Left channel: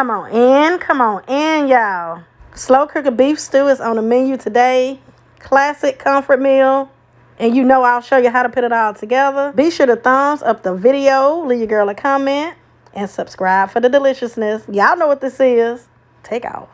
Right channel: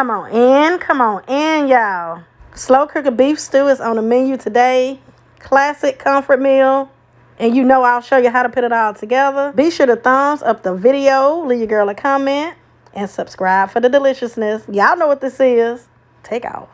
Come on in, y'all. Slow cooker beef stew is on the menu today. Classic comfort meal. And you know I'll show you how to put it all together. Be sure to thumbs up the video, leave your girl a comment, and subscribe for the deliciousness. Y'all know what this is. Take off.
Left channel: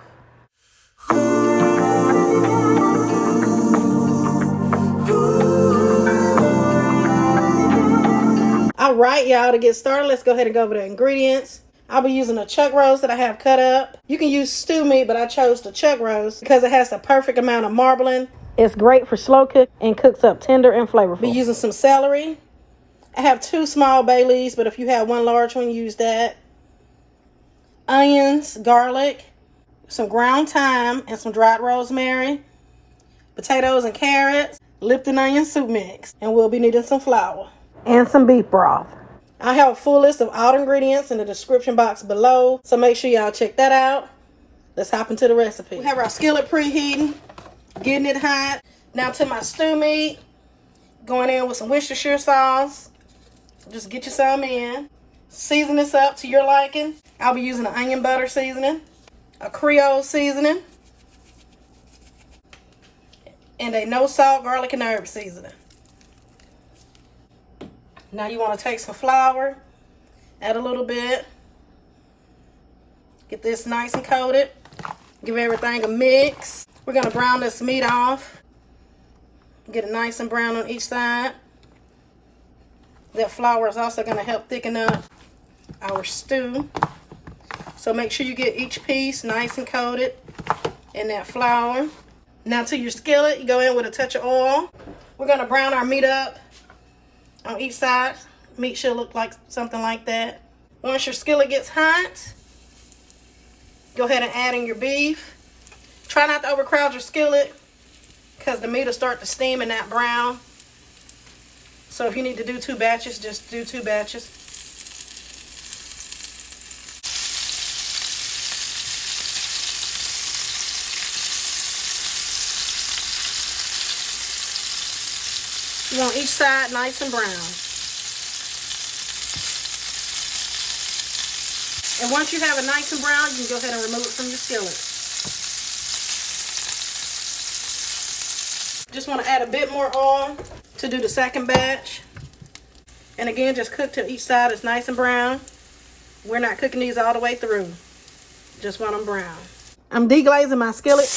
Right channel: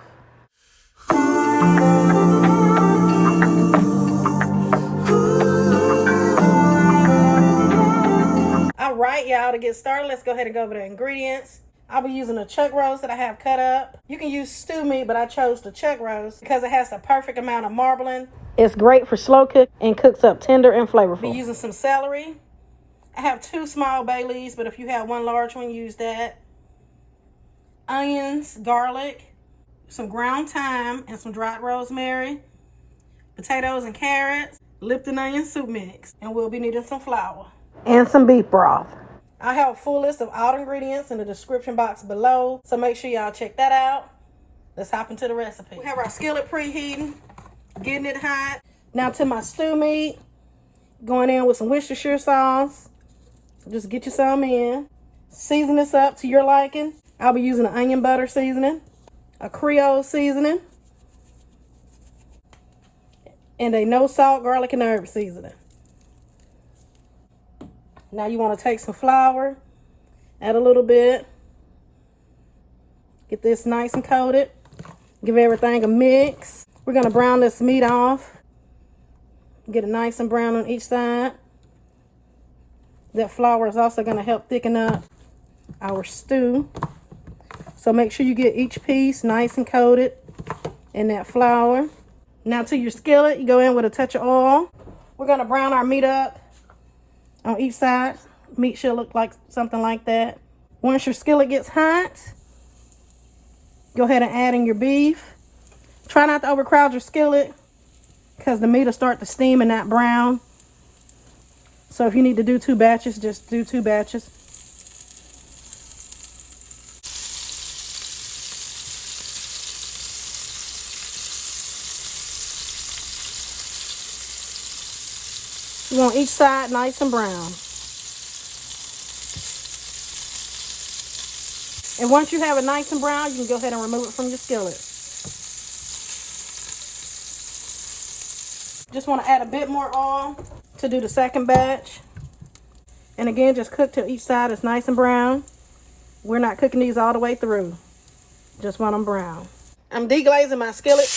All right, y'all, to get started, let's go ahead and go over the ingredients. I'll be using a chuck roast that I have cut up. You can use stew meat, but I chose the chuck roast because it has the perfect amount of marbling. It's great for slow cook and cooks up tender and flavorful. Be using some celery. I have 2 small bay leaves, but if you have 1 large one, use that. Onions, garlic, some ground thyme, and some dried rosemary. Potatoes and carrots, Lipton onion soup mix. And we'll be needing some flour. And some beef broth. I have a full list of all the ingredients in the description box below, so make sure y'all check that out. Let's hop into the recipe. We have our skillet preheating, getting it hot. Now to my stew meat, going in with some Worcestershire sauce. Just get you some in. Season this up to your liking. I'll be using an onion butter seasoning, a Creole seasoning, and a no salt garlic and herb seasoning. Now you want to take some flour, add a little bit, get this nice and coated, give everything a mix. We're going to brown this meat off, get it nice and brown on each side. That flour is also going to help thicken up our stew. So make sure you get each piece nice and coated in that flour. Now to your skillet, you go in with a touch of oil. We're going to brown our meat up on each side. Meat should look like something like that. Once your skillet gets hot, go ahead and add in your beef. Try not to overcrowd your skillet because the meat will start to steam and not brown. So if you need to do 2 batches, just do 2 batches. You want each side nice and brown. And once you have it nice and brown, you can go ahead and remove it from your skillet. Just want to add a bit more oil to do the second batch. And again, just cook till each side is nice and brown. We're not cooking these all the way through. Just want them brown. I'm deglazing my skillet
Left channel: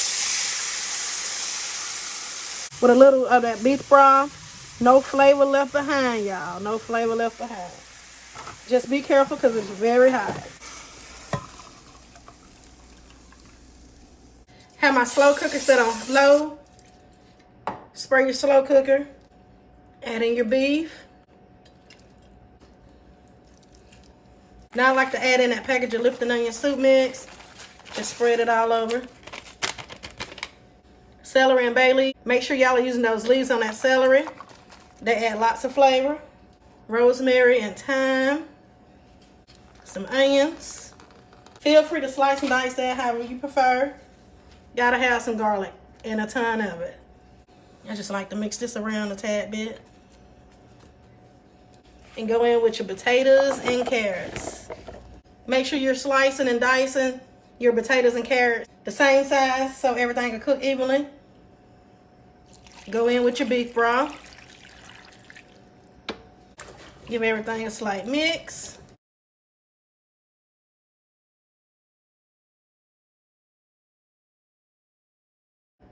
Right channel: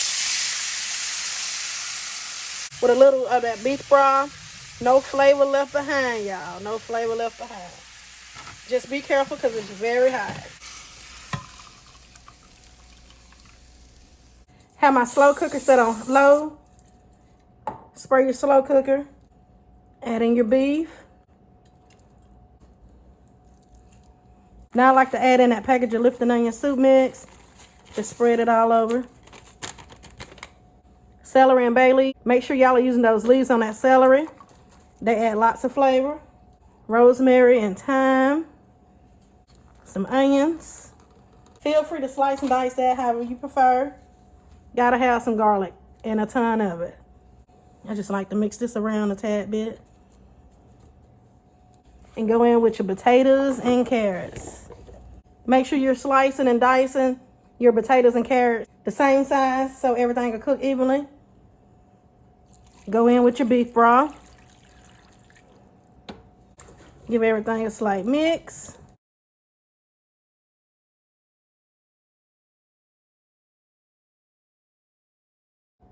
with a little of that beef broth. No flavor left behind, y'all. No flavor left behind. Just be careful because it's very hot. Have my slow cooker set on low. Spray your slow cooker. Add in your beef. Now I like to add in that package of Lipton onion soup mix. Just spread it all over. Celery and bay leaf. Make sure y'all are using those leaves on that celery. They add lots of flavor. Rosemary and thyme. Some onions. Feel free to slice and dice that however you prefer. Gotta have some garlic and a ton of it. I just like to mix this around a tad bit. And go in with your potatoes and carrots. Make sure you're slicing and dicing your potatoes and carrots the same size so everything can cook evenly. Go in with your beef broth. Give everything a slight mix.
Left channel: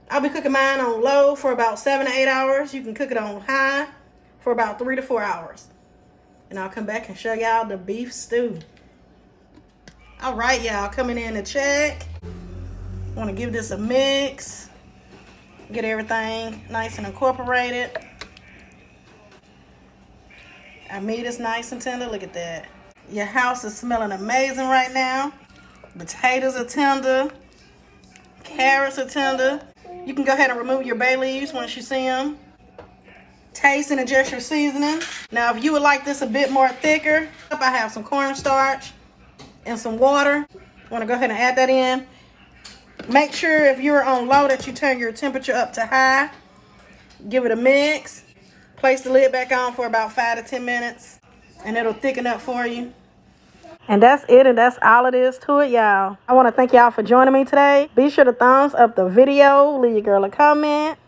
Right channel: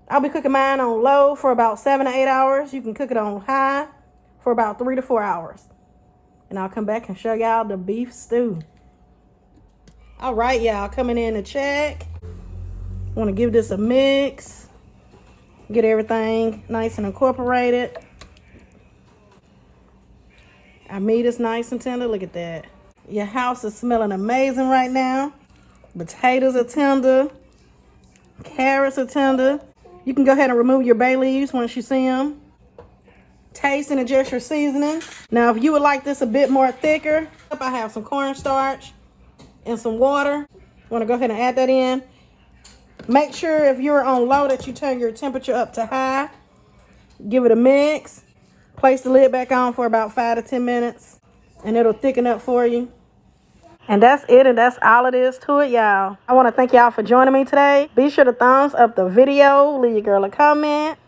I'll be cooking mine on low for about 7 to 8 hours. You can cook it on high for about 3 to 4 hours. And I'll come back and show y'all the beef stew. All right, y'all, coming in to check. Want to give this a mix. Get everything nice and incorporated. Our meat is nice and tender. Look at that. Your house is smelling amazing right now. Potatoes are tender. Carrots are tender. You can go ahead and remove your bay leaves once you see them. Taste and adjust your seasoning. Now, if you would like this a bit more thicker, I have some cornstarch and some water. Want to go ahead and add that in. Make sure if you're on low that you turn your temperature up to high. Give it a mix. Place the lid back on for about 5 to 10 minutes and it'll thicken up for you. And that's it, and that's all it is to it, y'all. I want to thank y'all for joining me today. Be sure to thumbs up the video, leave your girl a comment,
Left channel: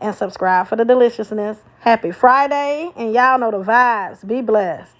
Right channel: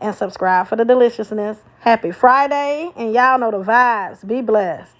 and subscribe for the deliciousness. Happy Friday, and y'all know the vibes. Be blessed.